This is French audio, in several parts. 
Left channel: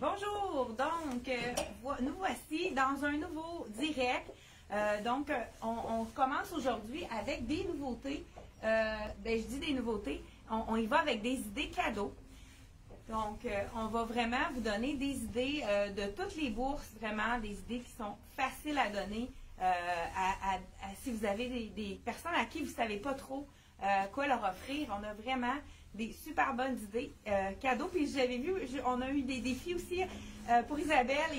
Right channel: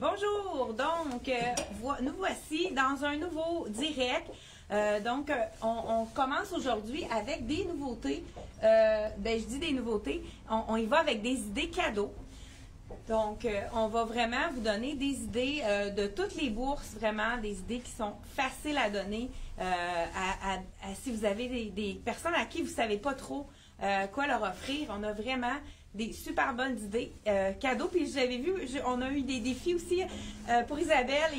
Bonjour, donc nous voici dans un nouveau direct. On commence aujourd'hui avec des nouveautés. Je dis des nouveautés, on y va avec des idées cadeaux. Donc, on va vraiment vous donner des idées de toutes les bourses, vraiment des idées qui sont faciles à donner si vous avez des personnes à qui vous ne savez pas trop quoi leur offrir. On a vraiment des super bonnes idées cadeaux. Puis j'avais vu, on a eu des défis aussi pour Isabelle.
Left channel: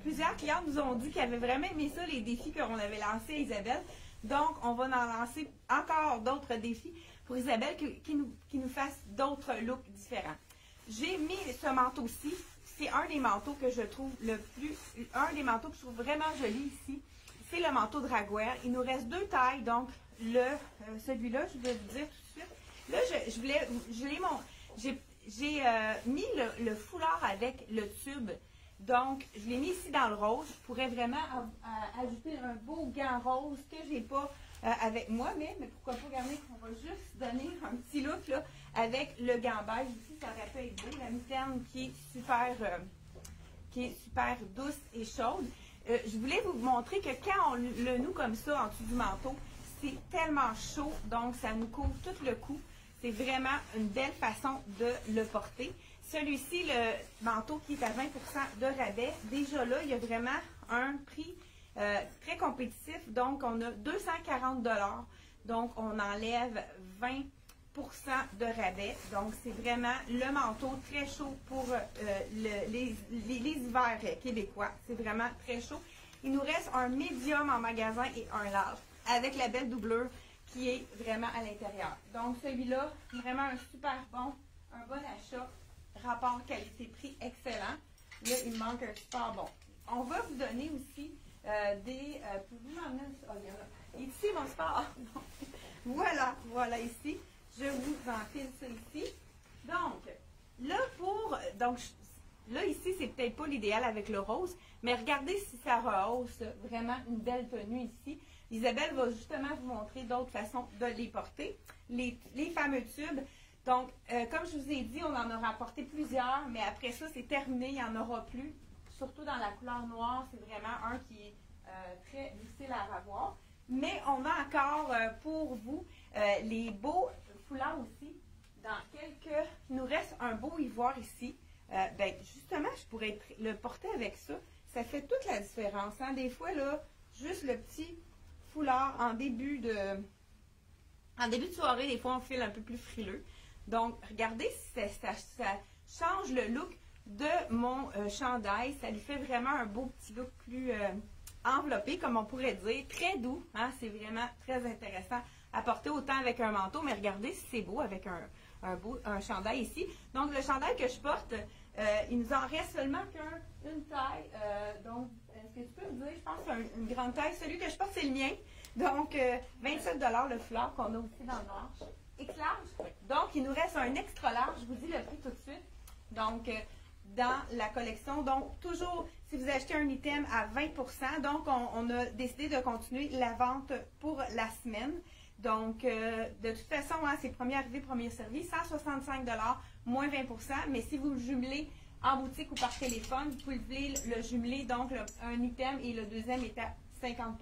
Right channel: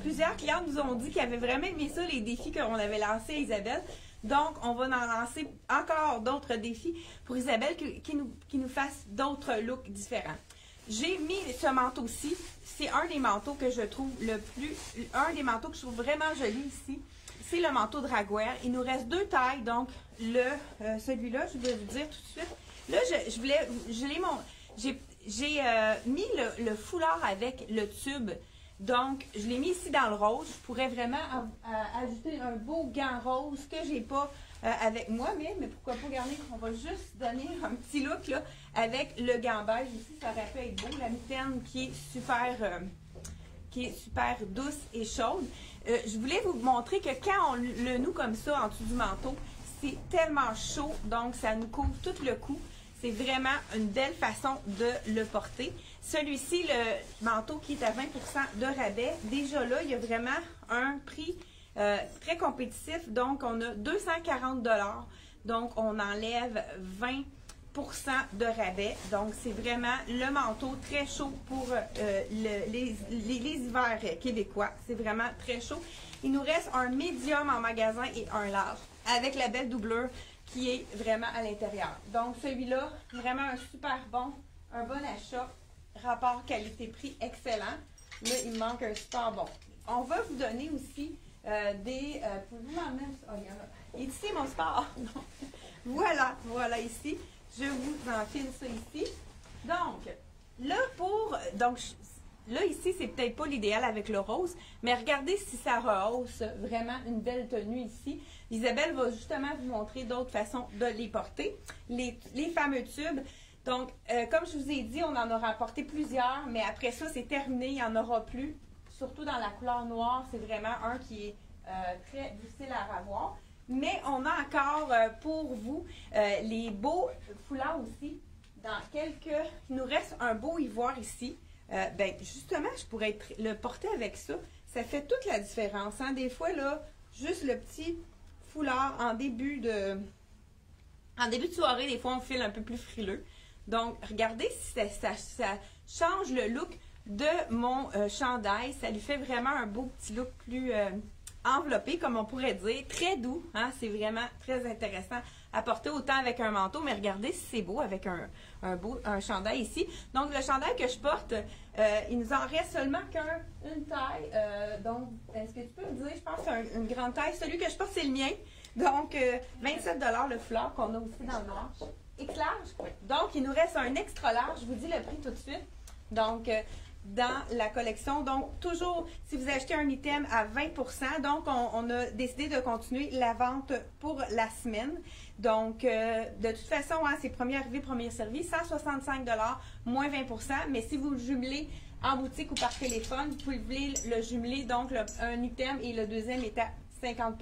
Plusieurs clients nous ont dit qu'ils avaient vraiment aimé ça, les défis qu'on avait lancés à Isabelle. Donc, on va en lancer encore d'autres défis pour Isabelle qui nous fasse d'autres looks différents. J'ai mis ce manteau-ci. C'est un des manteaux que je trouve un des manteaux que je trouve vraiment joli ici. C'est le manteau Dragwear. Il nous reste deux tailles. Donc, celui-là, je vais vous dire tout de suite. Là, j'ai mis le foulard avec le tube. Donc, je l'ai mis ici dans le rose. Je pourrais vraiment ajouter un beau gant rose que j'ai pas avec moi, mais pourquoi pas garder. On va juste donner un petit look là, avec le gant beige ici. Ça aurait pu être beau. La mitaine qui est super douce et chaude. Je voulais vous montrer que quand on le noue comme ça en dessous du manteau, c'est tellement chaud. Donc, ça nous couvre tout le cou. C'est vraiment une belle façon de le porter. Celui-ci, le manteau qui est à 20% de rabais, déjà là, il y a vraiment un prix très compétitif. Donc, on a 240 $. Donc, on enlève 20% de rabais. Donc, c'est vraiment le manteau très chaud pour les hivers québécois. C'est vraiment très chaud. Il nous reste un médium en magasin et un large avec la belle doublure qui est vraiment à l'intérieur. Donc, celui-là, vraiment un super bon, un bon achat. Rapport qualité-prix excellent. Là, il manque un super bon. On va vous donner aussi pour vous m'emmener. Il est ici, mon sport. Voilà ici. Je vous enfile ça ici. Donc, là, ici, c'est peut-être pas l'idéal avec le rose, mais regardez si ça rehausse vraiment une belle tenue ici. Isabelle va justement vous montrer d'autres façons de les porter. Les fameux tubes. Donc, comme je vous ai dit, on en aura apporté plusieurs, mais après ça, c'est terminé, il n'y en aura plus. Surtout dans la couleur noire, c'est vraiment un qui est très difficile à ravoir. Mais on a encore pour vous les beaux foulards aussi. Il nous reste un beau ivoire ici. Justement, je pourrais le porter avec ça. Ça fait toute la différence. Hein? Des fois, là, juste le petit foulard en début de soirée, des fois, on file un peu plus frileux. Donc, regardez si ça change le look de mon chandail. Ça lui fait vraiment un beau petit look plus enveloppé, comme on pourrait dire. Très doux. Hein? C'est vraiment très intéressant à porter autant avec un manteau. Mais regardez si c'est beau avec un chandail ici. Donc, le chandail que je porte, il nous en reste seulement qu'une taille. Donc, est-ce que tu peux me dire, je pense que c'est une grande taille. Celui que je porte, c'est le mien. Donc, 27 $ le foulard qu'on a aussi dans le manche. X large. Oui. Donc, il nous reste un extra large. Je vous dis le prix tout de suite. Donc, dans la collection. Donc, toujours, si vous achetez un item à 20%, donc, on a décidé de continuer la vente pour la semaine. Donc, de toute façon, hein, c'est premier arrivé, premier servi. 165 $, moins 20%. Mais si vous le jumelez en boutique ou par téléphone, vous pouvez le jumeler. Donc, un item et le deuxième est à 50%.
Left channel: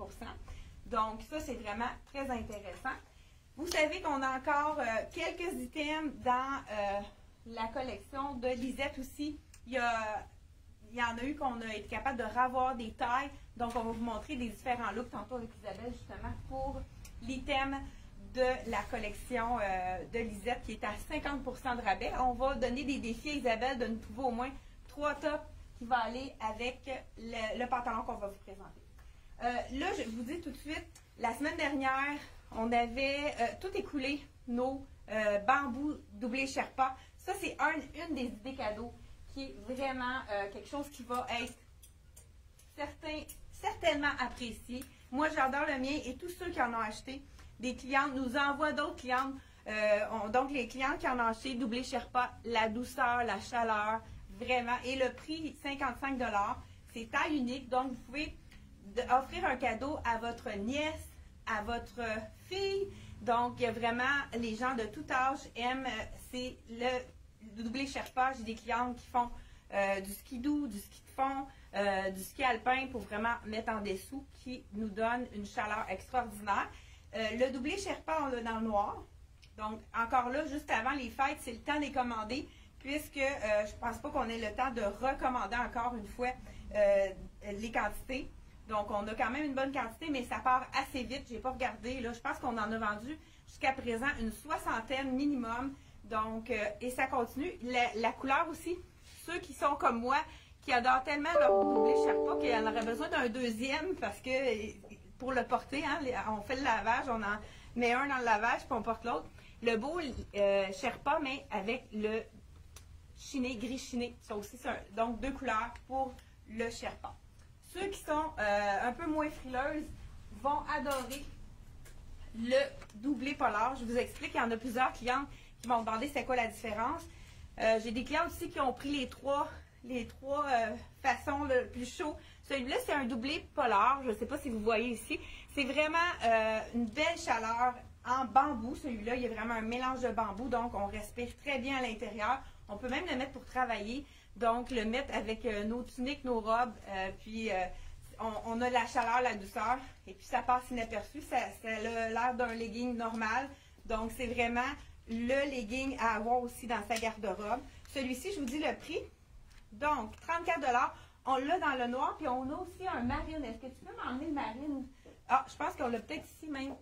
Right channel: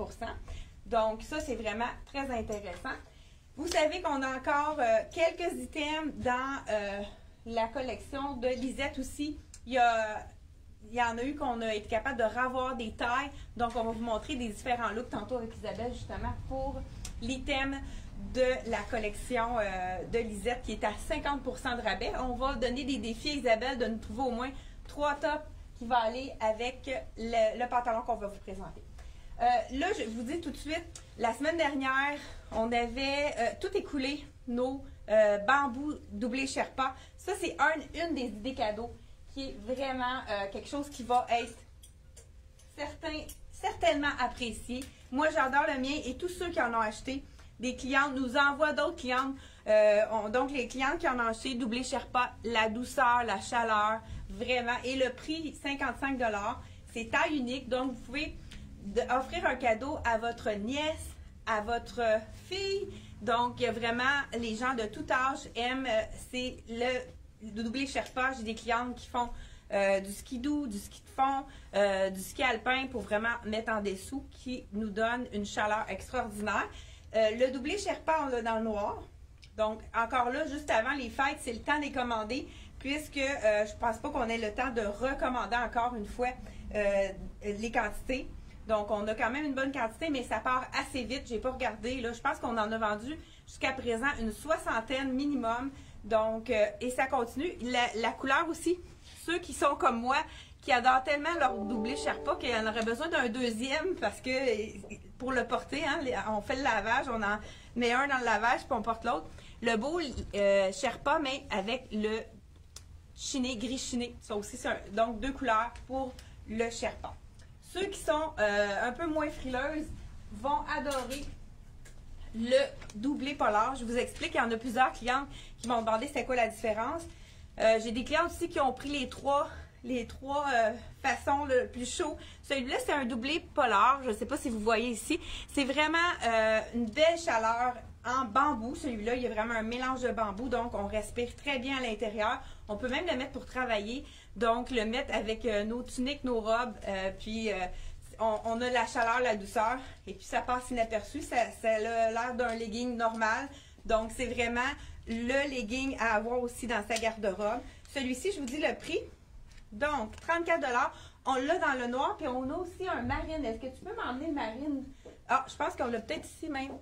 Donc, ça, c'est vraiment très intéressant. Vous savez qu'on a encore quelques items dans la collection de Lisette aussi. Il y en a eu qu'on a été capable de ravoir des tailles. Donc, on va vous montrer des différents looks tantôt avec Isabelle, justement, pour l'item de la collection de Lisette qui est à 50% de rabais. On va donner des défis à Isabelle de nous trouver au moins 3 tops qui vont aller avec le pantalon qu'on va vous présenter. Là, je vous dis tout de suite, la semaine dernière, on avait tout écoulé, nos bambous doublés Sherpa. Ça, c'est une des idées cadeaux qui est vraiment quelque chose qui va être certainement apprécié. Moi, j'adore le mien et tous ceux qui en ont acheté, des clientes nous envoient d'autres clientes. Donc, les clientes qui en ont acheté, doublé Sherpa, la douceur, la chaleur, vraiment. Et le prix, 55 $. C'est taille unique, donc vous pouvez offrir un cadeau à votre nièce, à votre fille. Donc, vraiment, les gens de tout âge aiment, c'est le doublé Sherpa. J'ai des clientes qui font du skidoo, du ski de fond, du ski alpin pour vraiment mettre en dessous qui nous donne une chaleur extraordinaire. Le doublé Sherpa, on l'a dans le noir. Donc, encore là, juste avant les fêtes, c'est le temps de les commander puisque je ne pense pas qu'on ait le temps de recommander encore une fois les quantités. Donc, on a quand même une bonne quantité, mais ça part assez vite. Je n'ai pas regardé. Là, je pense qu'on en a vendu jusqu'à présent une 60aine minimum. Donc, et ça continue. La couleur aussi, ceux qui sont comme moi, qui adorent tellement leur doublé Sherpa qu'il y en aurait besoin d'un deuxième parce que pour le porter, hein, on fait le lavage, on en met un dans le lavage puis on porte l'autre. Le beau Sherpa, mais avec le chiné, gris chiné. Ça aussi, donc 2 couleurs pour le Sherpa. Ceux qui sont un peu moins frileuses vont adorer le doublé polaire. Je vous explique, il y en a plusieurs clientes qui m'ont demandé c'est quoi la différence. J'ai des clients aussi qui ont pris les trois façons le plus chaud. Celui-là, c'est un doublé polaire. Je ne sais pas si vous voyez ici. C'est vraiment une belle chaleur en bambou. Celui-là, il y a vraiment un mélange de bambou. Donc, on respire très bien à l'intérieur. On peut même le mettre pour travailler. Donc, le mettre avec nos tuniques, nos robes. Puis, on a la chaleur, la douceur. Et puis, ça passe inaperçu. Ça a l'air d'un legging normal. Donc, c'est vraiment le legging à avoir aussi dans sa garde-robe. Celui-ci, je vous dis le prix. Donc, 34$. On l'a dans le noir, puis on a aussi un marine. Est-ce que tu peux m'emmener le marine? Ah, je pense qu'on l'a peut-être ici même.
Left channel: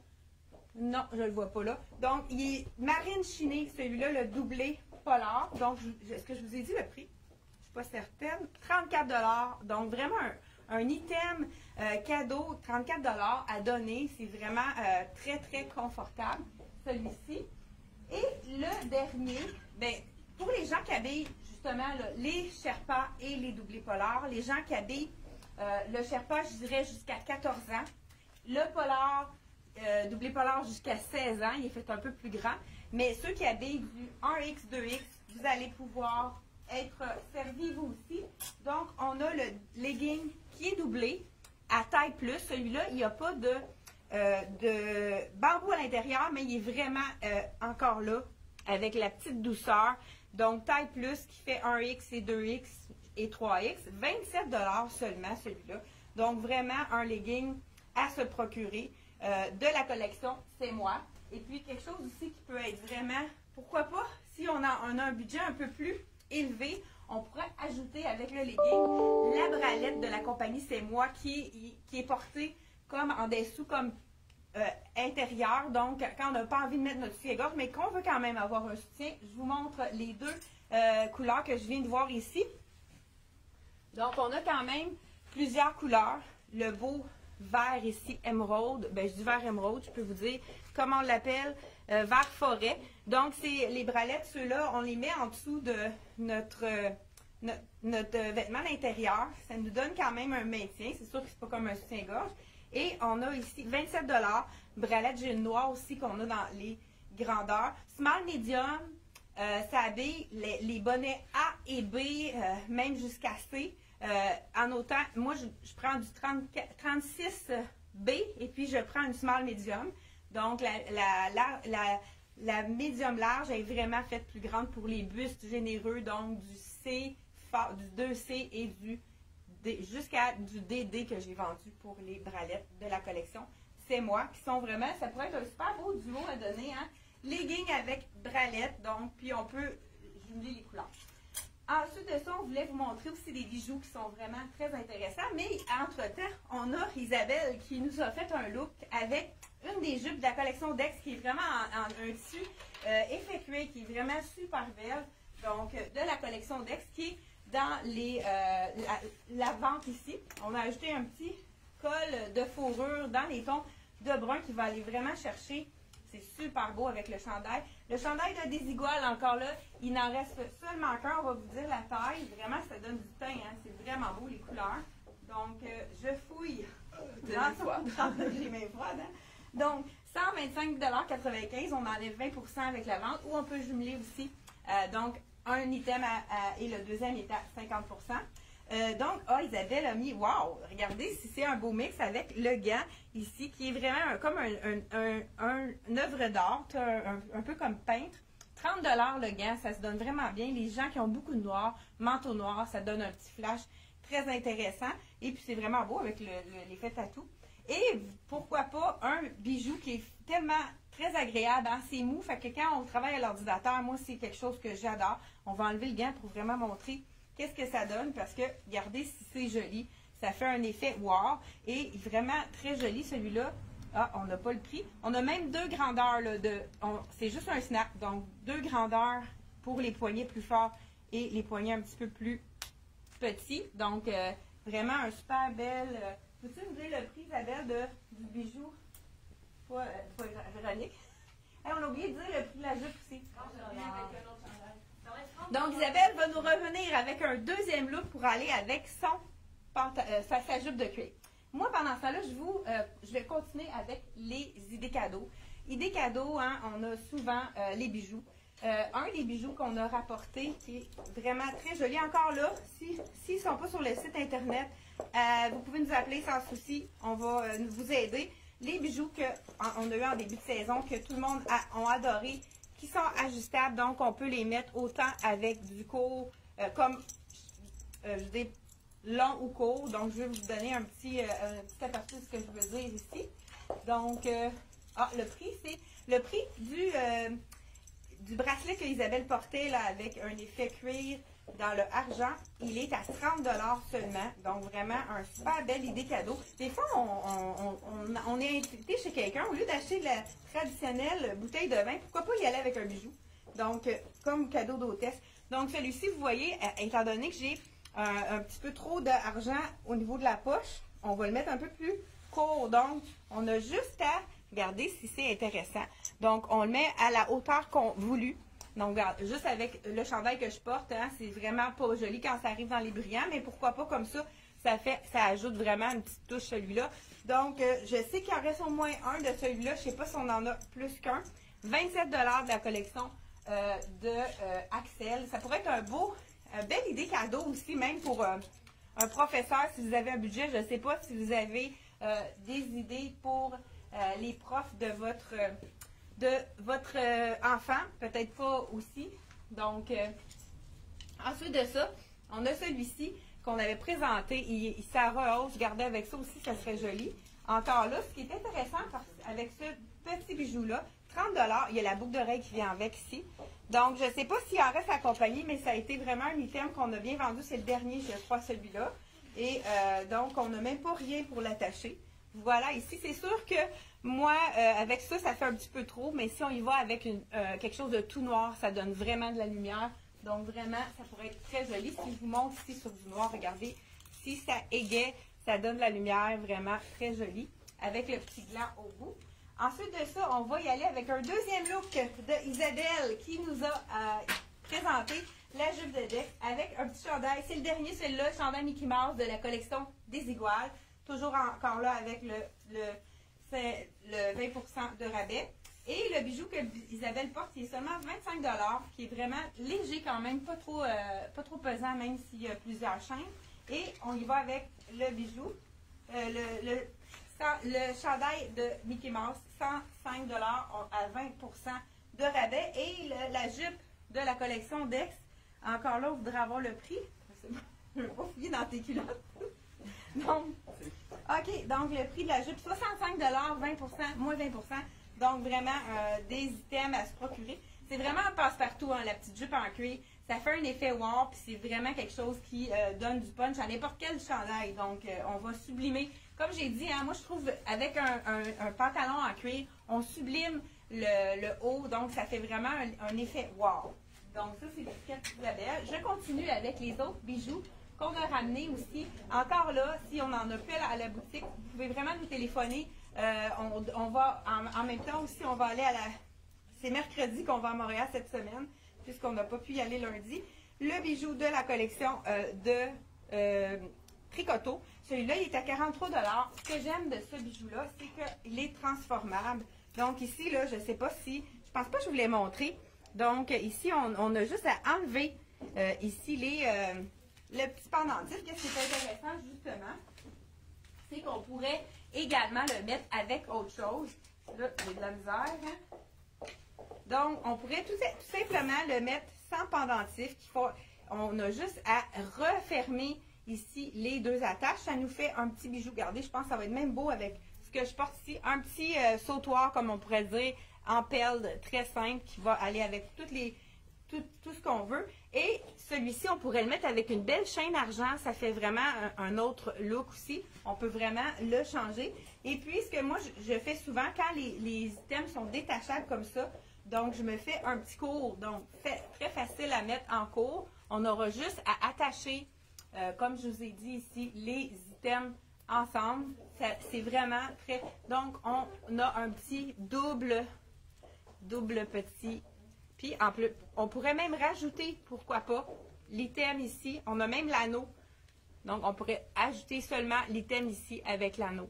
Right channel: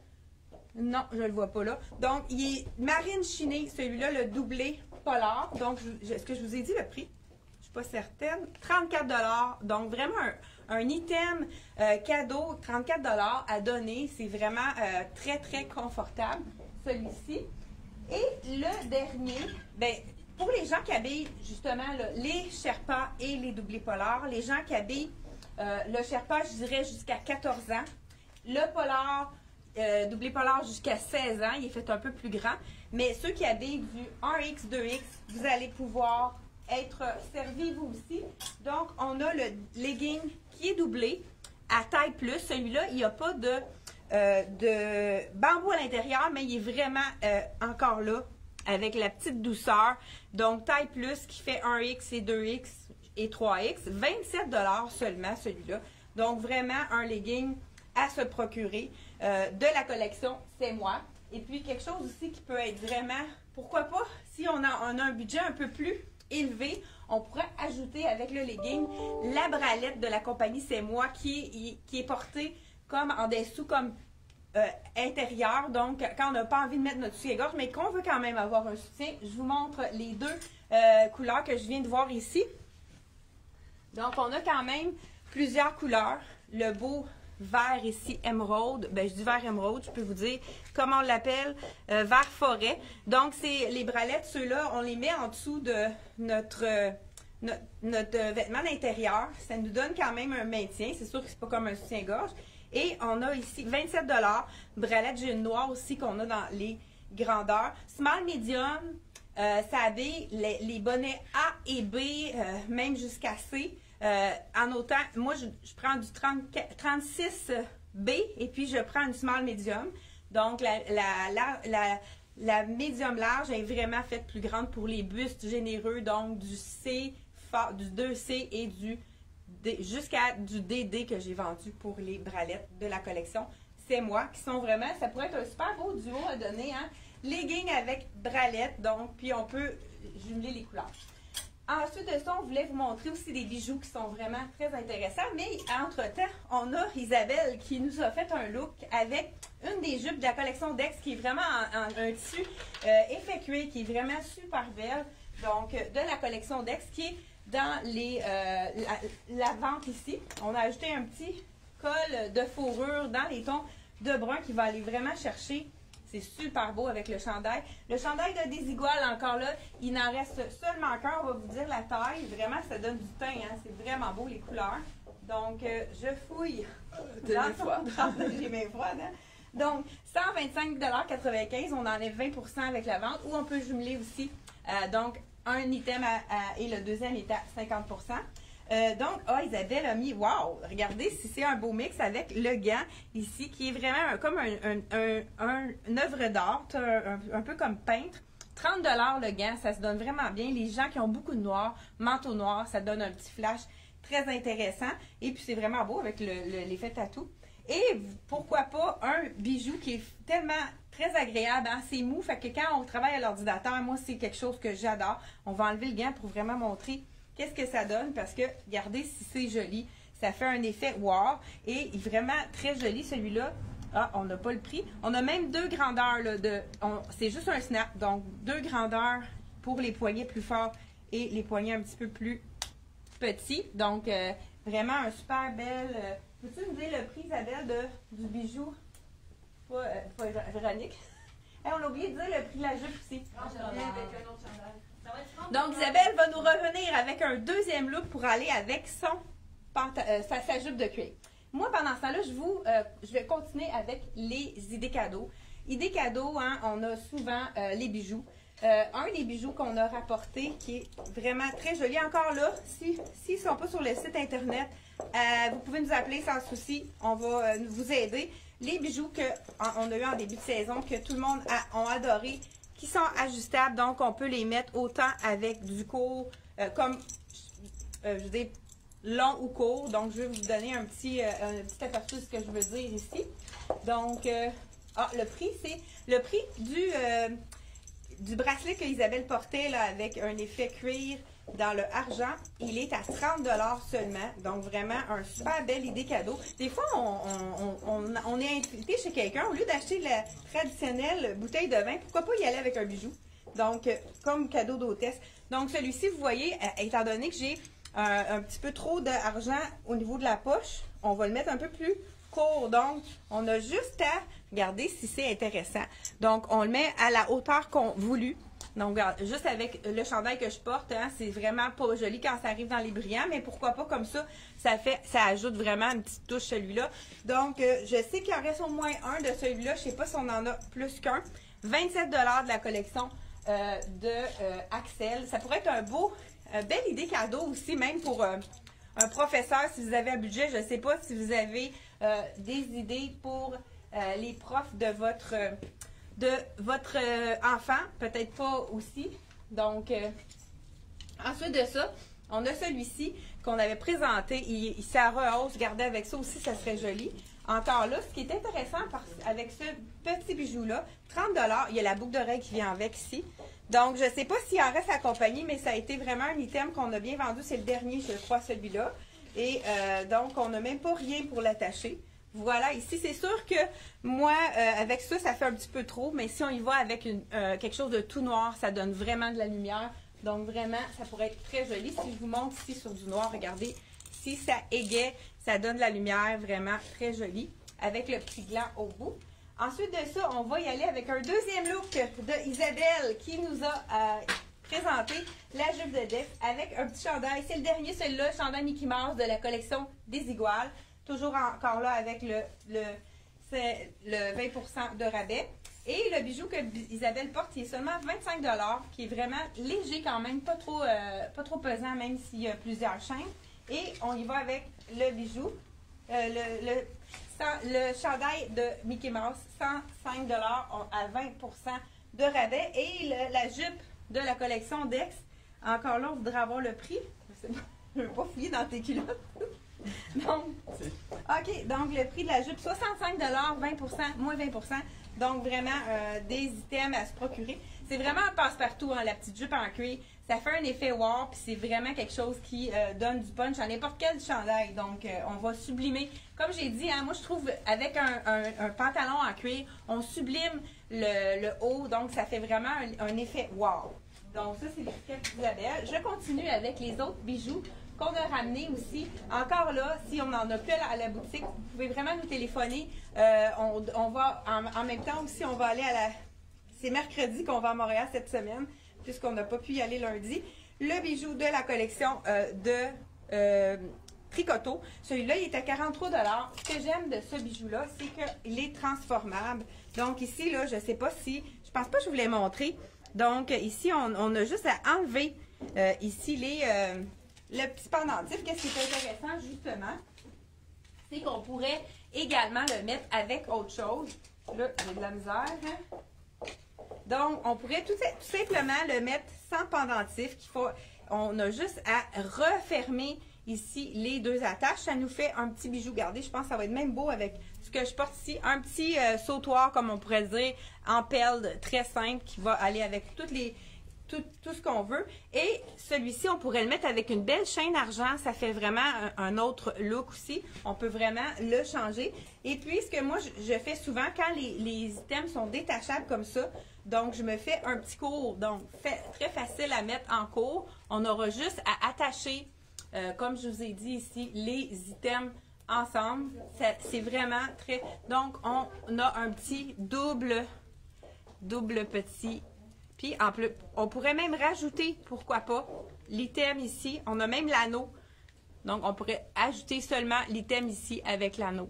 Non, je ne le vois pas là. Donc, il est marine chiné, celui-là, le doublé polaire. Donc, est-ce que je vous ai dit le prix? Je ne suis pas certaine. 34$. Donc, vraiment un item cadeau, 34$ à donner. C'est vraiment très, très confortable, celui-ci. Et le dernier, ben, pour les gens qui habillent justement là, les Sherpas et les doublés polaires, les gens qui habillent le Sherpa, je dirais jusqu'à 14 ans, le polaire, doublé polaire jusqu'à 16 ans, il est fait un peu plus grand, mais ceux qui habillent du 1X, 2X, vous allez pouvoir être servis vous aussi. Donc, on a le legging qui est doublé à taille plus. Celui-là, il n'y a pas de bambou à l'intérieur, mais il est vraiment encore là avec la petite douceur. Donc, taille plus qui fait 1X et 2X et 3X. 27$ seulement celui-là. Donc, vraiment un legging à se procurer de la collection C'est Moi. Et puis, quelque chose aussi qui peut être vraiment, pourquoi pas, si on a un budget un peu plus élevé, on pourrait ajouter avec le legging la bralette de la compagnie C'est Moi qui est portée comme en dessous, comme intérieur. Donc, quand on n'a pas envie de mettre notre soutien-gorge, mais qu'on veut quand même avoir un soutien, je vous montre les deux couleurs que je viens de voir ici. Donc, on a quand même plusieurs couleurs. Le beau vert ici, émeraude. Ben, je dis vert émeraude, je peux vous dire comment on l'appelle, vert forêt. Donc, c'est les bralettes, ceux-là, on les met en dessous de notre vêtement d'intérieur. Ça nous donne quand même un maintien. C'est sûr que c'est pas comme un soutien-gorge. Et on a ici 27$. Bralette, j'ai une noire aussi qu'on a dans les grandeurs. Small, medium, ça habille les bonnets A et B, même jusqu'à C. En autant, moi, je prends du 36B et puis je prends une small, medium. Donc, la médium large est vraiment faite plus grande pour les bustes généreux. Donc, du C, du 2C et jusqu'à du DD que j'ai vendu pour les bralettes de la collection C'est Moi, qui sont vraiment, ça pourrait être un super beau duo à donner, hein? Legging avec bralette, donc, puis on peut jumeler les couleurs. Ensuite de ça, on voulait vous montrer aussi des bijoux qui sont vraiment très intéressants, mais entre-temps, on a Isabelle qui nous a fait un look avec une des jupes de la collection Dex qui est vraiment un tissu effectué, qui est vraiment super belle, donc de la collection Dex qui est dans la vente ici. On a ajouté un petit col de fourrure dans les tons de brun qui va aller vraiment chercher. C'est super beau avec le chandail. Le chandail de Desigual, encore là, il n'en reste seulement qu'un. On va vous dire la taille. Vraiment, ça donne du teint. Hein? C'est vraiment beau, les couleurs. Donc, je fouille dans son j'ai mains froides. Hein? Donc, 125,95 $. On enlève 20% avec la vente. Ou on peut jumeler aussi. Donc, un item et le deuxième est à 50%. Donc, Isabelle a mis, wow, regardez si c'est un beau mix avec le gant ici, qui est vraiment comme une œuvre d'art, un peu comme peintre, 30 $ le gant, ça se donne vraiment bien. Les gens qui ont beaucoup de noir, manteau noir, ça donne un petit flash très intéressant. Et puis c'est vraiment beau avec l'effet tatou. Et pourquoi pas un bijou qui est tellement très agréable, hein? C'est mou, fait que quand on travaille à l'ordinateur, moi c'est quelque chose que j'adore. On va enlever le gant pour vraiment montrer qu'est-ce que ça donne parce que regardez si c'est joli. Ça fait un effet wow et vraiment très joli celui-là. Ah, on n'a pas le prix. On a même deux grandeurs. C'est juste un snap. Donc, deux grandeurs pour les poignets plus forts et les poignets un petit peu plus petits. Donc, vraiment un super bel... peux-tu nous dire le prix, Isabelle, du bijou? Pas Véronique. Hey, on a oublié de dire le prix de la jupe aussi. Donc, Isabelle va nous revenir avec un deuxième look pour aller avec sa jupe de cuir. Moi, pendant ce temps-là, je vais continuer avec les idées cadeaux. Idées cadeaux, hein, on a souvent les bijoux. Un des bijoux qu'on a rapporté qui est vraiment très joli. Encore là, s'ils ne sont pas sur le site Internet, vous pouvez nous appeler sans souci. On va vous aider. Les bijoux qu'on a eu en début de saison, que tout le monde a adoré, qui sont ajustables. Donc, on peut les mettre autant avec du court, comme, je dis, long ou court. Donc, je vais vous donner un petit aperçu de ce que je veux dire ici. Donc, le prix, c'est le prix du bracelet que Isabelle portait là, avec un effet cuir dans le argent. Il est à 30 $ seulement. Donc, vraiment, un super belle idée cadeau. Des fois, on est invité chez quelqu'un. Au lieu d'acheter la traditionnelle bouteille de vin, pourquoi pas y aller avec un bijou? Donc, comme cadeau d'hôtesse. Donc, celui-ci, vous voyez, étant donné que j'ai un petit peu trop d'argent au niveau de la poche, on va le mettre un peu plus court. Donc, on a juste à regarder si c'est intéressant. Donc, on le met à la hauteur qu'on voulue. Donc, regarde, juste avec le chandail que je porte, hein, c'est vraiment pas joli quand ça arrive dans les brillants, mais pourquoi pas comme ça, ça ajoute vraiment une petite touche celui-là. Donc, je sais qu'il en reste au moins un de celui-là, je sais pas si on en a plus qu'un. 27 $ de la collection de Axel. Ça pourrait être une belle idée cadeau aussi, même pour un professeur, si vous avez un budget. Je ne sais pas si vous avez des idées pour les profs de votre enfant, peut-être pas aussi. Donc, ensuite de ça, on a celui-ci qu'on avait présenté. Il s'est à rehausse. Regardez avec ça aussi, ça serait joli. Encore là, ce qui est intéressant avec ce petit bijou-là, 30 $, il y a la boucle d'oreille qui vient avec ici. Donc, je ne sais pas s'il en reste à la compagnie, mais ça a été vraiment un item qu'on a bien vendu. C'est le dernier, je crois, celui-là. Et donc, on n'a même pas rien pour l'attacher. Voilà, ici, c'est sûr que moi, avec ça, ça fait un petit peu trop. Mais si on y va avec quelque chose de tout noir, ça donne vraiment de la lumière. Donc, vraiment, ça pourrait être très joli. Si je vous montre ici sur du noir, regardez, si ça égaye, ça donne de la lumière vraiment très jolie avec le petit gland au bout. Ensuite de ça, on va y aller avec un deuxième look de Isabelle qui nous a présenté la jupe de Dex avec un petit chandail. C'est le dernier, celui-là, chandail Mickey Mouse de la collection des Iguales. Toujours encore là avec le 20% de rabais. Et le bijou que Isabelle porte, il est seulement 25 $, qui est vraiment léger quand même, pas trop pesant même s'il y a plusieurs chaînes. Et on y va avec le bijou, le chandail de Mickey Mouse, 105 $ à 20% de rabais. Et la jupe de la collection Dex, encore là, on voudrait avoir le prix. Je ne veux pas fouiller dans tes culottes. Donc, OK, donc le prix de la jupe, 65 $, 20%, moins 20%. Donc, vraiment, des items à se procurer. C'est vraiment un passe-partout, hein, la petite jupe en cuir. Ça fait un effet wow, puis c'est vraiment quelque chose qui donne du punch à n'importe quel chandail. Donc, on va sublimer. Comme j'ai dit, hein, moi, je trouve, avec un pantalon en cuir, on sublime le haut. Donc, ça fait vraiment un effet wow. Donc, ça, c'est des Isabelle. Je continue avec les autres bijoux qu'on a ramenés aussi. Encore là, si on en a plus à la boutique, vous pouvez vraiment nous téléphoner. On va, en même temps aussi, on va aller c'est mercredi qu'on va à Montréal cette semaine, puisqu'on n'a pas pu y aller lundi. Le bijou de la collection de Tricoto. Celui-là, il est à 43 $. Ce que j'aime de ce bijou-là, c'est qu'il est transformable. Donc ici, là, je ne sais pas si... Je pense pas que je vous l'ai montré. Donc ici, on a juste à enlever ici le petit pendentif. Qu'est-ce qui est intéressant, justement, c'est qu'on pourrait également le mettre avec autre chose. Là, j'ai de la misère. Hein? Donc, on pourrait tout simplement le mettre sans pendentif. On a juste à refermer ici les deux attaches. Ça nous fait un petit bijou. Regardez, je pense que ça va être même beau avec ce que je porte ici. Un petit sautoir, comme on pourrait dire, en perles, très simple, qui va aller avec tout ce qu'on veut. Et celui-ci, on pourrait le mettre avec une belle chaîne argent. Ça fait vraiment un autre look aussi. On peut vraiment le changer. Et puis, ce que moi, je fais souvent, quand les items sont détachables comme ça, donc, je me fais un petit cours. Donc, très facile à mettre en cours. On aura juste à attacher, comme je vous ai dit ici, les items ensemble. C'est vraiment très... Donc, on a un petit double petit. Puis, en plus, on pourrait même rajouter, pourquoi pas, l'item ici. On a même l'anneau. Donc, on pourrait ajouter seulement l'item ici avec l'anneau.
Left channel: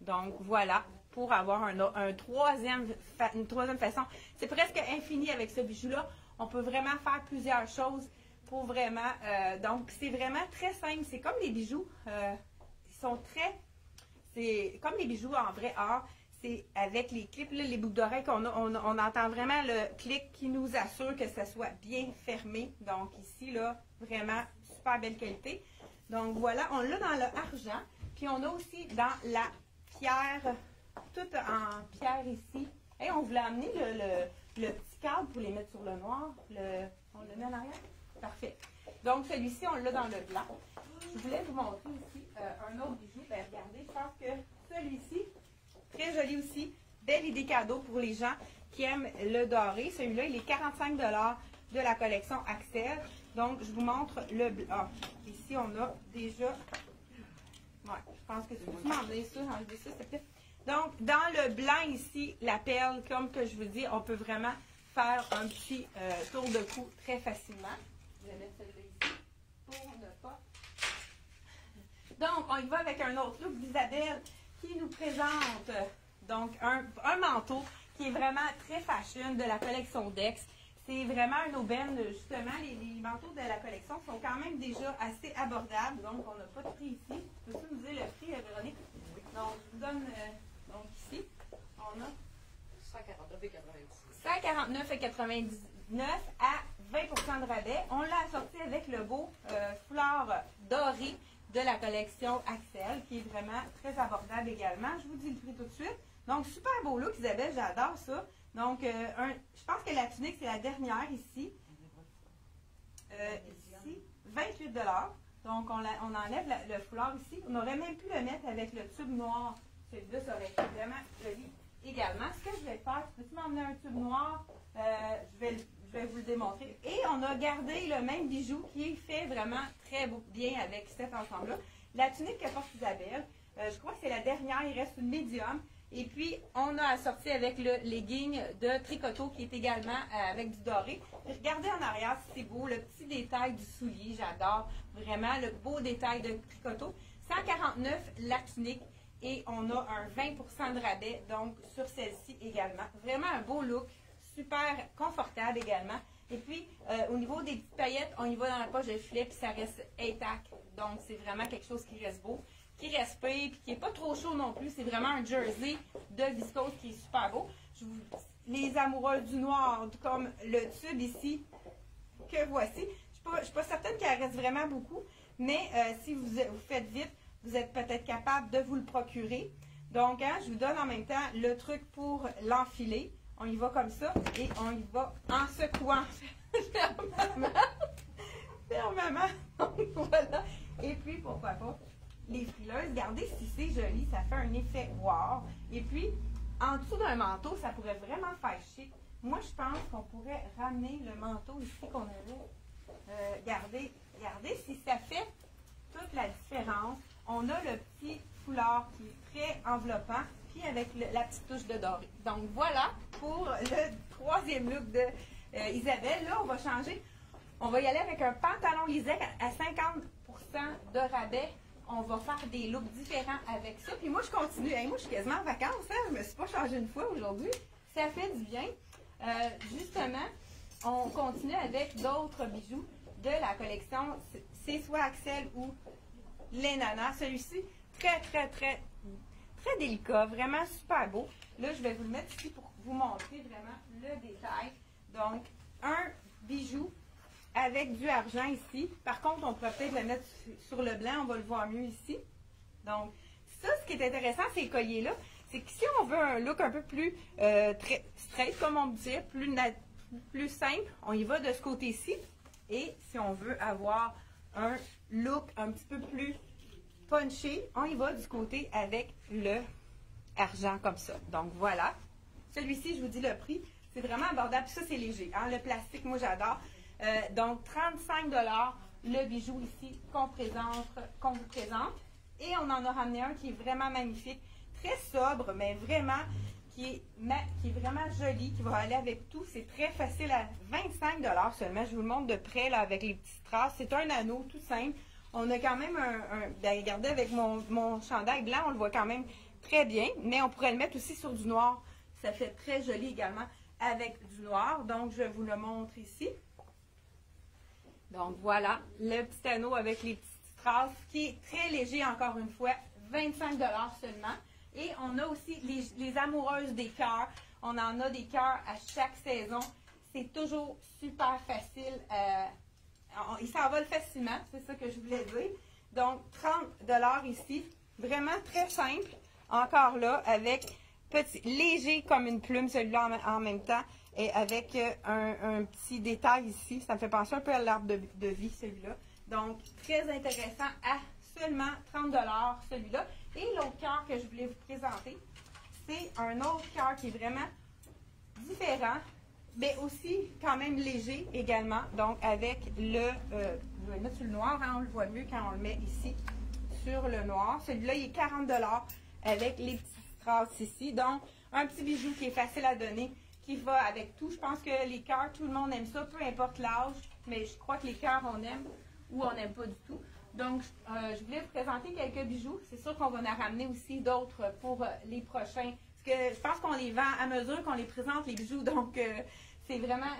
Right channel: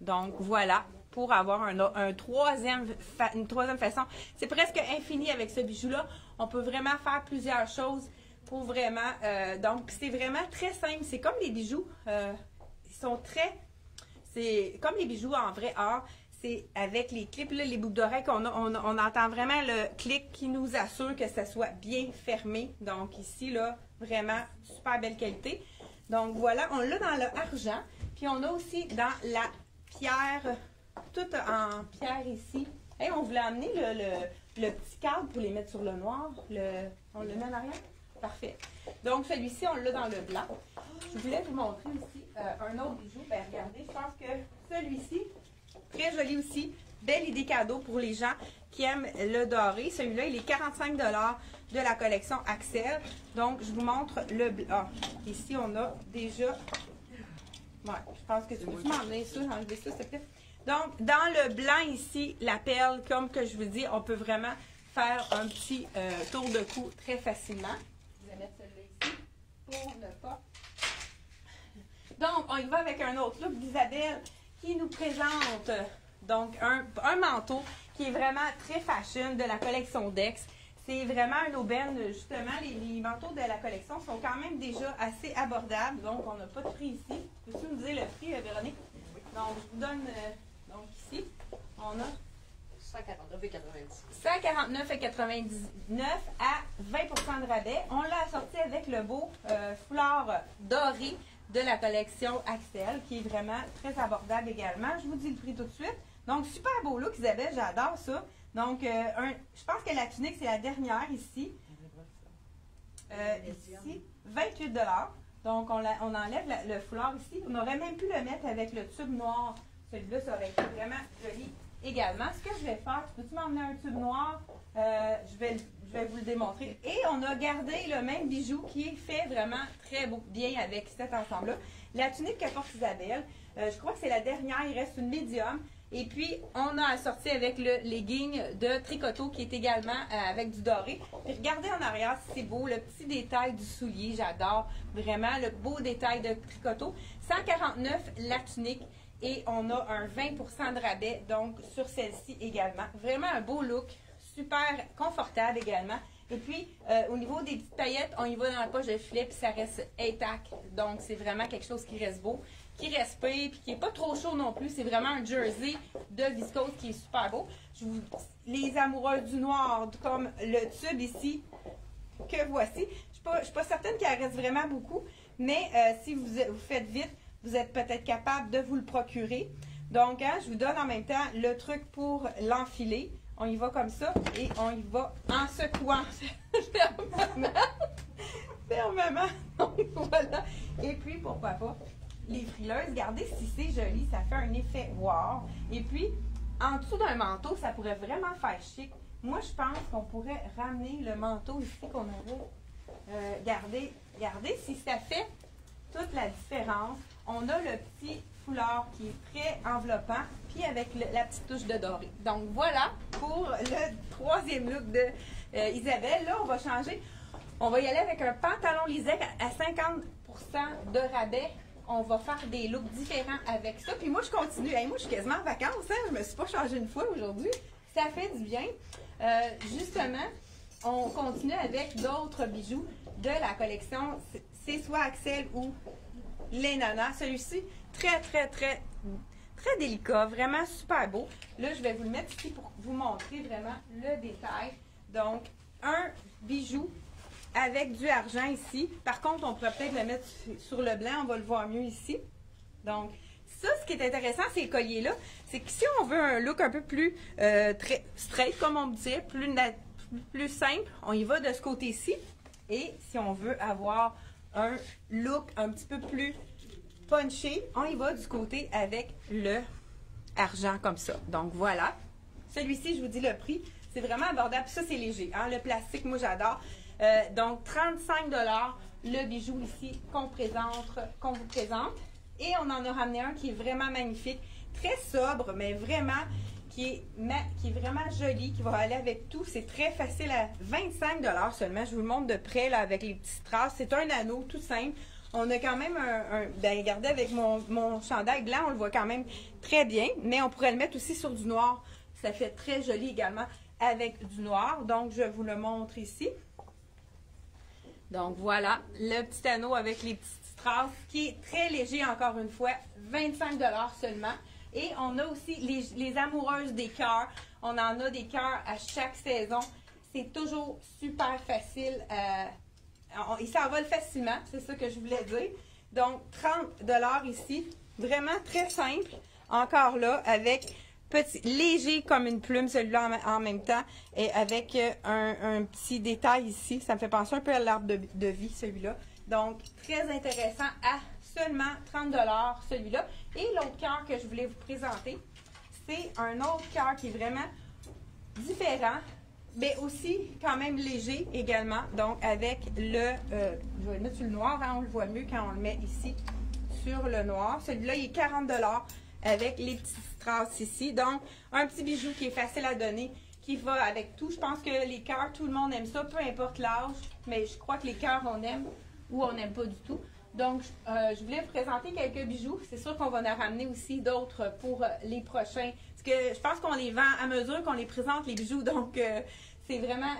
Donc, voilà, pour avoir une troisième façon. C'est presque infini avec ce bijou-là. On peut vraiment faire plusieurs choses pour vraiment... donc, c'est vraiment très simple. C'est comme les bijoux. Ils sont très... C'est comme les bijoux en vrai or. C'est avec les clips, là, les boucles d'oreilles qu'on a. On entend vraiment le clic qui nous assure que ça soit bien fermé. Donc, ici, là, vraiment super belle qualité. Donc, voilà, on l'a dans le argent. Puis, on a aussi dans la pierre, tout en pierre ici. Hey, on voulait amener le petit cadre pour les mettre sur le noir. On le met en arrière? Parfait. Donc, celui-ci, on l'a dans le blanc. Je voulais vous montrer aussi un autre bijou. Ben, regardez, je pense que celui-ci, très joli aussi. Belle idée cadeau pour les gens qui aiment le doré. Celui-là, il est 45 $ de la collection Axel. Donc, je vous montre le blanc. Ah, ici, on a déjà... Ouais, je pense que tu peux m'enlever ça, s'il te plaît. Donc, dans le blanc ici, la perle, comme que je vous dis, on peut vraiment faire un petit tour de cou très facilement. Je vais mettre celui-là ici pour ne pas... Donc, on y va avec un autre look d'Isabelle qui nous présente donc un manteau qui est vraiment très fashion de la collection Dex. C'est vraiment une aubaine, justement. Les manteaux de la collection sont quand même déjà assez abordables. Donc, on n'a pas de prix ici. Peux-tu nous dire le prix, Véronique? Oui. Donc, je vous donne, donc ici, on a 149,99 à 20% de rabais. On l'a assorti avec le beau foulard doré de la collection Axel, qui est vraiment très abordable également. Je vous dis le prix tout de suite. Donc, super beau look, Isabelle, j'adore ça. Donc, je pense que la tunique, c'est la dernière ici. Ici, 28 $. Donc, on enlève le foulard ici. On aurait même pu le mettre avec le tube noir. Celui-là, ça aurait été vraiment joli également. Ce que je vais faire, peux-tu m'emmener un tube noir? Je vais vous le démontrer. Et on a gardé le même bijou qui est fait vraiment très beau, bien avec cet ensemble-là. La tunique que porte Isabelle, je crois que c'est la dernière, il reste une médium. Et puis, on a assorti avec le legging de tricoteau qui est également avec du doré. Puis regardez en arrière, c'est beau, le petit détail du soulier, j'adore vraiment le beau détail de tricoteau. 149 la tunique et on a un 20% de rabais donc sur celle-ci également. Vraiment un beau look, super confortable également. Et puis, au niveau des petites paillettes, on y va dans la poche de filet puis ça reste intact. Donc, c'est vraiment quelque chose qui reste beau, qui respire, puis qui n'est pas trop chaud non plus. C'est vraiment un jersey de viscose qui est super beau. Les amoureux du noir, comme le tube ici, que voici. Je ne suis pas certaine qu'il en reste vraiment beaucoup, mais si vous faites vite, vous êtes peut-être capable de vous le procurer. Donc, je vous donne en même temps le truc pour l'enfiler. On y va comme ça et on y va en secouant fermement. Donc, voilà. Et puis, pourquoi pas, les frileuses, regardez si c'est joli, ça fait un effet wow. Et puis, en dessous d'un manteau, ça pourrait vraiment faire chic. Moi, je pense qu'on pourrait ramener le manteau ici qu'on avait gardé. Regardez si ça fait toute la différence. On a le petit foulard qui est très enveloppant, puis avec la petite touche de doré. Donc, voilà pour le troisième look de Isabelle. Là, on va changer. On va y aller avec un pantalon lisette à 50% de rabais. On va faire des looks différents avec ça. Puis moi, je continue. Hey, moi, je suis quasiment en vacances. Hein? Je ne me suis pas changée une fois aujourd'hui. Ça fait du bien. Justement, on continue avec d'autres bijoux de la collection. C'est soit Axel ou les nanas. Celui-ci, très, très, très, délicat. Vraiment super beau. Là, je vais vous le mettre ici pour vous montrer vraiment le détail. Donc, un bijou avec du argent ici. Par contre, on pourrait peut-être le mettre sur le blanc, on va le voir mieux ici. Donc, ça, ce qui est intéressant, ces colliers-là, c'est que si on veut un look un peu plus très straight, comme on dit, plus simple, on y va de ce côté-ci. Et si on veut avoir un look un petit peu plus punché, on y va du côté avec le argent comme ça. Donc, voilà. Celui-ci, je vous dis le prix, c'est vraiment abordable. Ça, c'est léger. Hein? Le plastique, moi, j'adore. Donc, 35 $ le bijou ici qu'on vous présente. Et on en a ramené un qui est vraiment magnifique, très sobre, mais vraiment qui est vraiment joli, qui va aller avec tout. C'est très facile à 25 $ seulement. Je vous le montre de près là, avec les petits strass. C'est un anneau tout simple. On a quand même ben regardez, avec mon chandail blanc, on le voit quand même très bien, mais on pourrait le mettre aussi sur du noir. Ça fait très joli également avec du noir. Donc, je vous le montre ici. Donc, voilà, le petit anneau avec les petits strass qui est très léger, encore une fois, 25 $ seulement. Et on a aussi les amoureuses des cœurs. On en a des cœurs à chaque saison. C'est toujours super facile. Il s'envole facilement, c'est ça que je voulais dire. Donc, 30 $ ici. Vraiment très simple. Encore là, avec petit, léger comme une plume, celui-là en même temps. Et avec un petit détail ici. Ça me fait penser un peu à l'arbre de vie, celui-là. Donc, très intéressant à seulement 30 $ celui-là. Et l'autre cœur que je voulais vous présenter, c'est un autre cœur qui est vraiment différent, mais aussi quand même léger également. Donc, avec le, je vais le mettre sur le noir, hein, on le voit mieux quand on le met ici sur le noir. Celui-là, il est 40 $ avec les petits strass ici. Donc, un petit bijou qui est facile à donner, qui va avec tout. Je pense que les cœurs, tout le monde aime ça, peu importe l'âge, mais je crois que les cœurs, on aime ou on n'aime pas du tout. Donc, je voulais vous présenter quelques bijoux. C'est sûr qu'on va en ramener aussi d'autres pour les prochains. Parce que je pense qu'on les vend à mesure qu'on les présente, les bijoux. Donc, c'est vraiment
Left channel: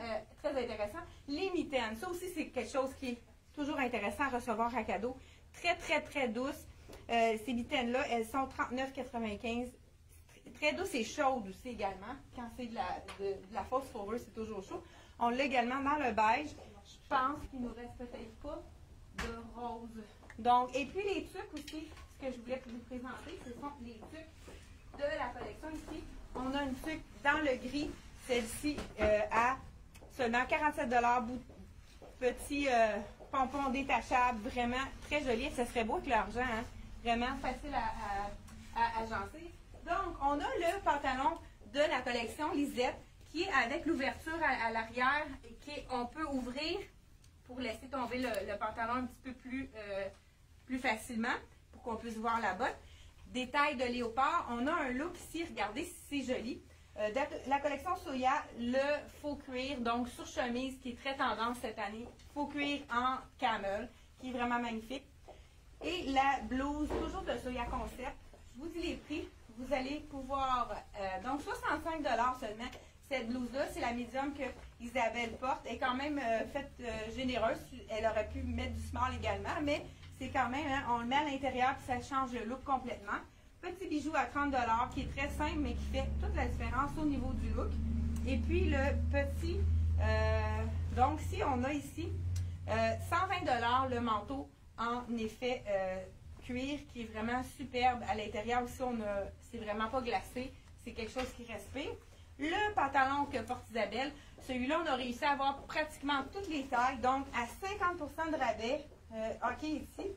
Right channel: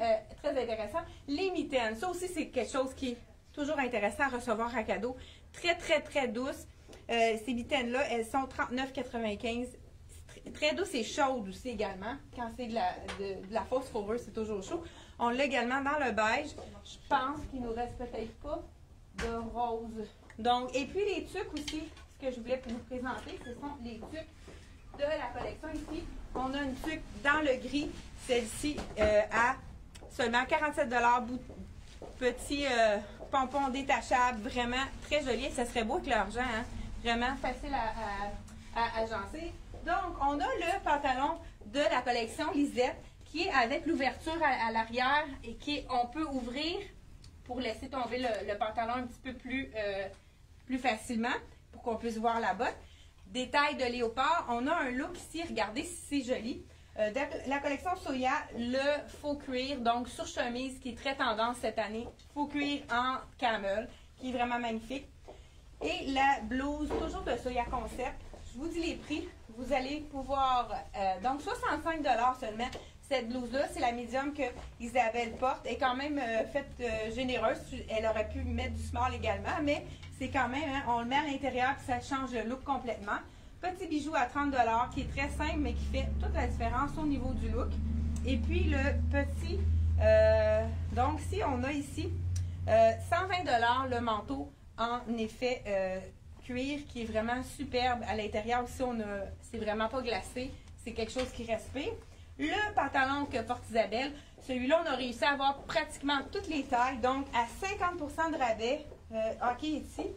très intéressant. Les mitaines, ça aussi, c'est quelque chose qui est toujours intéressant à recevoir à cadeau. Très, très, très douces. Ces mitaines-là, elles sont 39,95 $. Très douce et chaude aussi également. Quand c'est de la fausse fourrure, c'est toujours chaud. On l'a également dans le beige. Je pense qu'il nous reste peut-être pas de rose. Donc, et puis les tuques aussi, ce que je voulais vous présenter, ce sont les tuques de la collection ici. On a une tuque dans le gris, celle-ci à seulement 47 $, petit pompon détachable, vraiment très joli. Ça serait beau avec l'argent, hein? Vraiment facile à agencer. Donc, on a le pantalon de la collection Lisette qui est avec l'ouverture à l'arrière et on peut ouvrir pour laisser tomber le pantalon un petit peu plus facilement pour qu'on puisse voir la botte. Détail de léopard. On a un look ici, regardez si c'est joli. De la collection Soya, le faux cuir, donc sur chemise qui est très tendance cette année. Faux cuir en camel, qui est vraiment magnifique. Et la blouse, toujours de Soya Concept. Je vous dis les prix. Vous allez pouvoir, donc 65 $ seulement. Cette blouse-là, c'est la médium que Isabelle porte. Elle est quand même faite généreuse. Elle aurait pu mettre du small également, mais c'est quand même, hein, on le met à l'intérieur et ça change le look complètement. Petit bijou à 30 $ qui est très simple, mais qui fait toute la différence au niveau du look. Et puis le petit, donc si on a ici 120 $ le manteau en effet cuir qui est vraiment superbe. À l'intérieur aussi, c'est vraiment pas glacé. C'est quelque chose qui respire. Le pantalon que porte Isabelle, celui-là, on a réussi à avoir pratiquement toutes les tailles. Donc, à 50 % de rabais, OK, ici,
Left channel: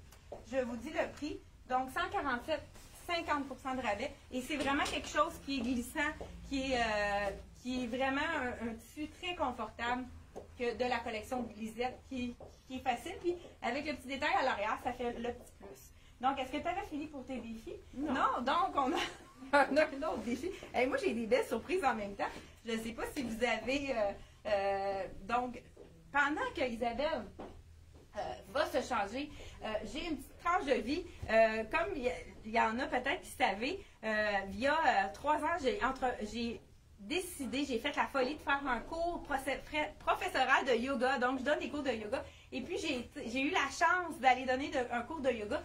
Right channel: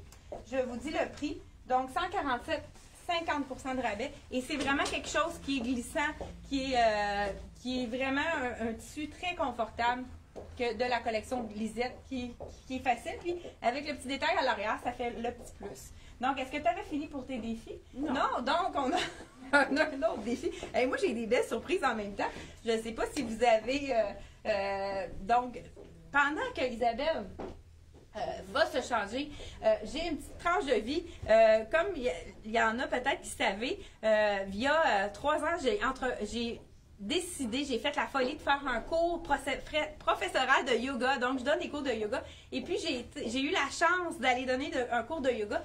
je vous dis le prix. Donc, 147, 50 % de rabais. Et c'est vraiment quelque chose qui est glissant, qui est vraiment un tissu très confortable que de la collection Lisette, qui est facile. Puis, avec le petit détail à l'arrière, ça fait le petit plus. Donc, est-ce que tu avais fini pour tes défis? Non, donc on a un autre défi. Et moi, j'ai des belles surprises en même temps. Je ne sais pas si vous avez... donc, pendant que Isabelle va se changer, j'ai une petite tranche de vie. Comme il y en a peut-être qui savaient, il y a 3 ans, j'ai décidé, j'ai fait la folie de faire un cours professoral de yoga. Donc, je donne des cours de yoga. Et puis, j'ai eu la chance d'aller donner un cours de yoga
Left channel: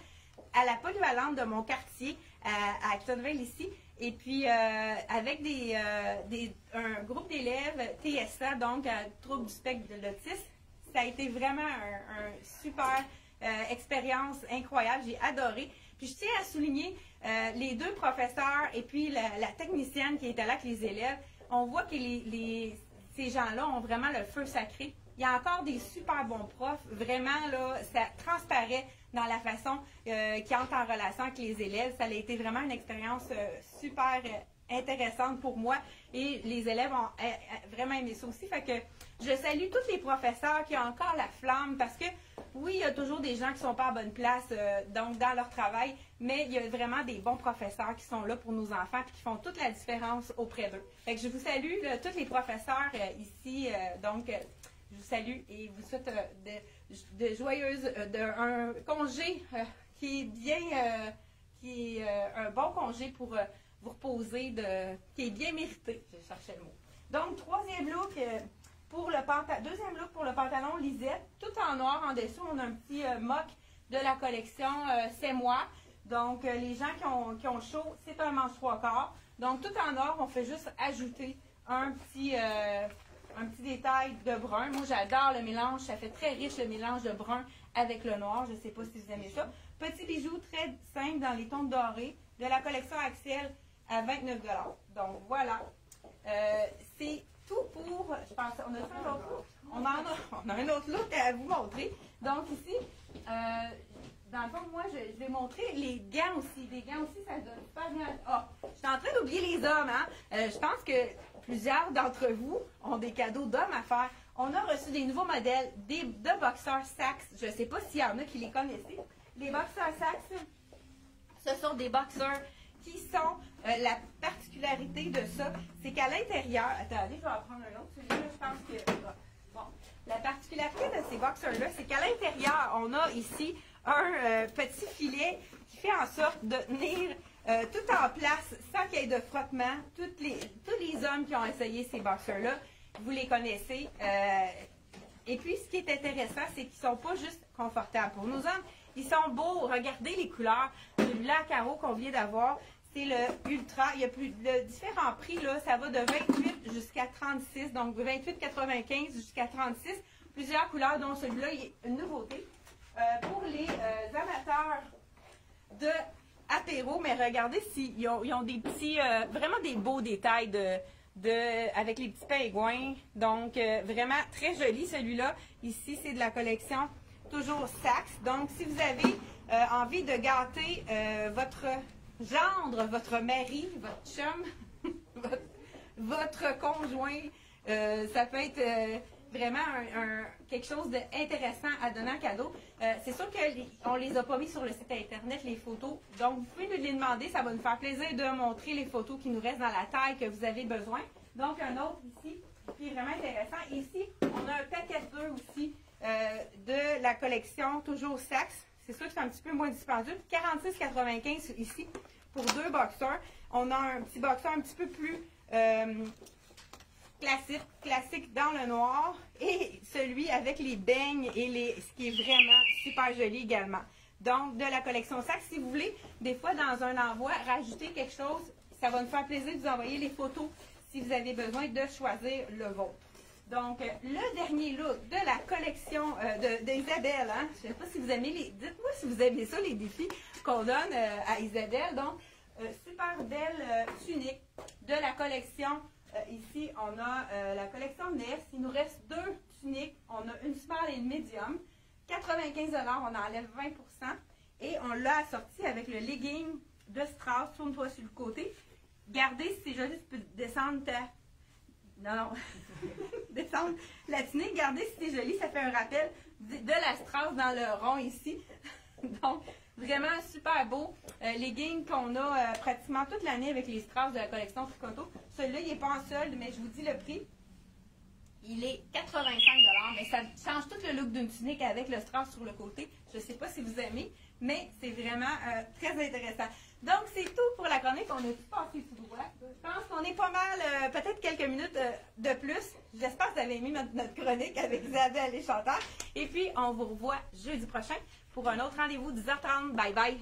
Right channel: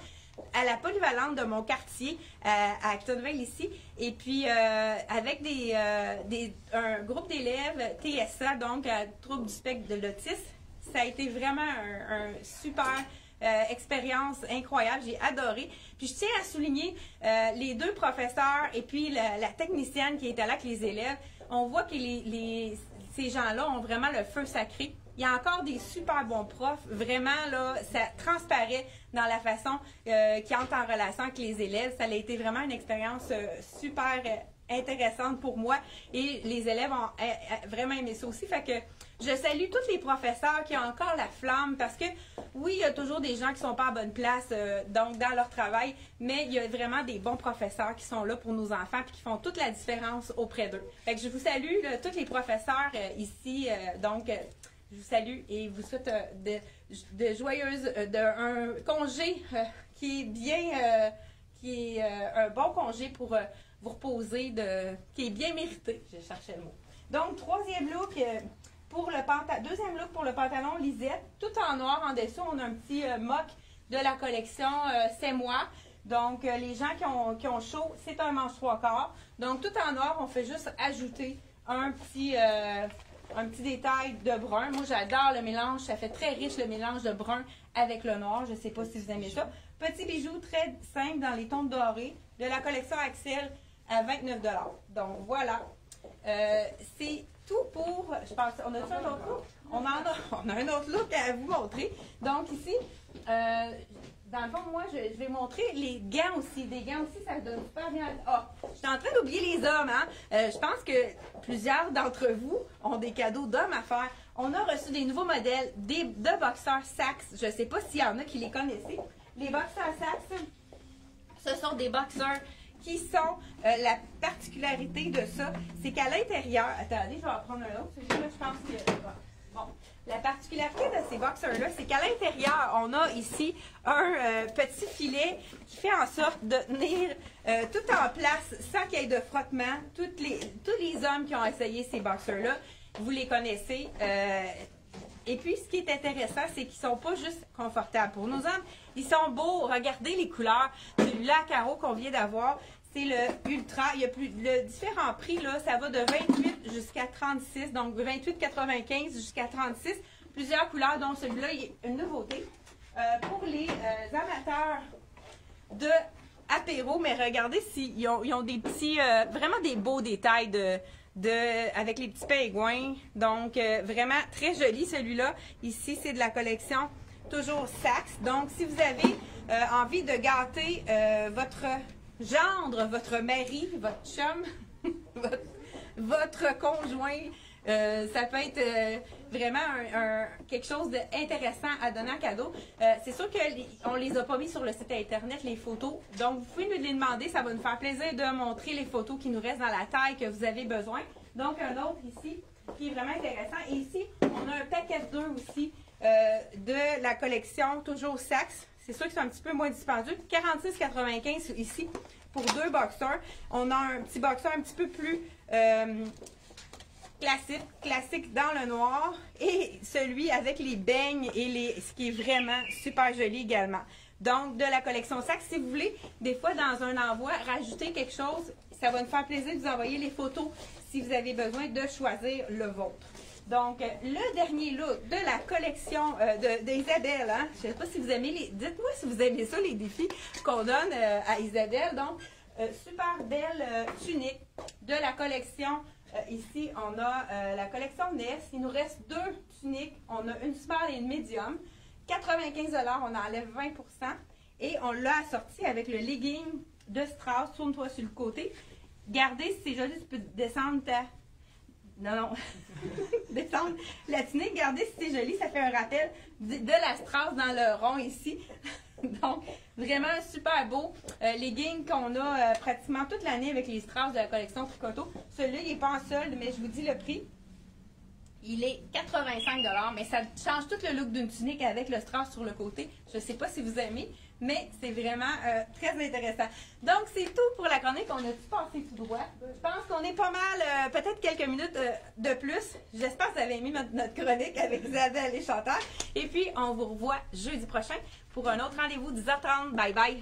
à la polyvalente de mon quartier, à Actonville ici, et puis avec un groupe d'élèves TSA, donc trouble du spectre de l'autisme. Ça a été vraiment un super expérience incroyable, j'ai adoré. Puis je tiens à souligner les deux professeurs et puis la technicienne qui était là avec les élèves. On voit que ces gens-là ont vraiment le feu sacré. Il y a encore des super bons profs. Vraiment, là, ça transparaît dans la façon qu'ils entrent en relation avec les élèves. Ça a été vraiment une expérience super intéressante pour moi et les élèves ont vraiment aimé ça aussi. Fait que je salue tous les professeurs qui ont encore la flamme parce que oui, il y a toujours des gens qui sont pas à bonne place donc dans leur travail, mais il y a vraiment des bons professeurs qui sont là pour nos enfants et qui font toute la différence auprès d'eux. Fait que je vous salue tous les professeurs ici, donc je vous salue et vous souhaite de joyeuses, un congé qui est bien, qui est un bon congé pour vous reposer, qui est bien mérité. Je cherchais le mot. Donc, deuxième look pour le pantalon Lisette, tout en noir en dessous. On a un petit mock de la collection C'est moi. Donc, les gens qui ont chaud, c'est un manche 3/4. Donc, tout en noir, on fait juste ajouter un petit détail de brun. Moi, j'adore le mélange. Ça fait très riche le mélange de brun avec le noir. Je ne sais pas si vous aimez ça. Petit bijou très simple dans les tons dorés de la collection Axel à 29 $. Donc, voilà. C'est tout pour... Je pense, on a fait un autre look? On a un autre look à vous montrer. Donc, ici, dans le fond, moi, je vais montrer les gants aussi. Des gants aussi, ça donne pas bien. Ah, je suis en train d'oublier les hommes, hein? Je pense que plusieurs d'entre vous ont des cadeaux d'hommes à faire. On a reçu des nouveaux modèles de boxeurs Saxe. Je ne sais pas s'il y en a qui les connaissaient. Les boxeurs Saxe, ce sont des boxeurs qui sont, la particularité de ça, c'est qu'à l'intérieur, attendez, je vais en prendre un autre, celui-là, je pense que, bon, la particularité de ces boxers-là, c'est qu'à l'intérieur, on a ici un petit filet qui fait en sorte de tenir tout en place sans qu'il y ait de frottement. Tous les hommes qui ont essayé ces boxers-là, vous les connaissez. Et puis, ce qui est intéressant, c'est qu'ils ne sont pas juste confortables. Pour nos hommes, ils sont beaux. Regardez les couleurs. Celui-là à carreau qu'on vient d'avoir, c'est le Ultra. Il y a le différent prix, là, ça va de 28 jusqu'à 36. Donc, 28,95 jusqu'à 36. Plusieurs couleurs, dont celui-là, il est une nouveauté. Pour les amateurs de apéro, mais regardez s'ils ont des petits, vraiment des beaux détails avec les petits pingouins. Donc, vraiment très joli celui-là. Ici, c'est de la collection toujours Saxe. Donc, si vous avez envie de gâter votre gendre, votre mari, votre chum, votre conjoint, ça peut être vraiment quelque chose d'intéressant à donner en cadeau. C'est sûr qu'on ne les a pas mis sur le site Internet, les photos. Donc, vous pouvez nous les demander. Ça va nous faire plaisir de montrer les photos qui nous restent dans la taille que vous avez besoin. Donc, un autre ici qui est vraiment intéressant. Et ici, on a un paquet de deux aussi de la collection toujours Saxe. C'est sûr que c'est un petit peu moins dispendieux. 46,95 ici pour deux boxers. On a un petit boxer un petit peu plus classique dans le noir et celui avec les beignes et ce qui est vraiment super joli également. Donc, de la collection Saxe, si vous voulez, des fois dans un envoi, rajouter quelque chose, ça va nous faire plaisir de vous envoyer les photos si vous avez besoin de choisir le vôtre. Donc, le dernier look de la collection d'Isabelle, hein? Je ne sais pas si vous aimez dites-moi si vous aimez ça, les défis qu'on donne à Isabelle. Donc, super belle tunique de la collection. Ici, on a la collection Ness. Il nous reste deux tuniques. On a une small et une medium. 95 $, on enlève 20 %. Et on l'a assorti avec le legging de Strauss. Tourne-toi sur le côté. Gardez, c'est joli, tu peux descendre ta... Non. Descendre la tunique. Regardez si c'est joli, ça fait un rappel de la Strauss dans le rond ici. Donc, vraiment super beau. Legging qu'on a pratiquement toute l'année avec les Strauss de la collection Tricoto. Celui-là, il n'est pas en solde, mais je vous dis le prix. Il est 85 $, mais ça change tout le look d'une tunique avec le Strauss sur le côté. Je ne sais pas si vous aimez, mais c'est vraiment très intéressant. Donc, c'est tout pour la chronique. On a tout passé tout droit. Je pense qu'on est pas mal, peut-être quelques minutes de plus. J'espère que vous avez aimé notre chronique avec Isabelle et Chantal. Et puis, on vous revoit jeudi prochain pour un autre rendez-vous, 10h30. Bye bye!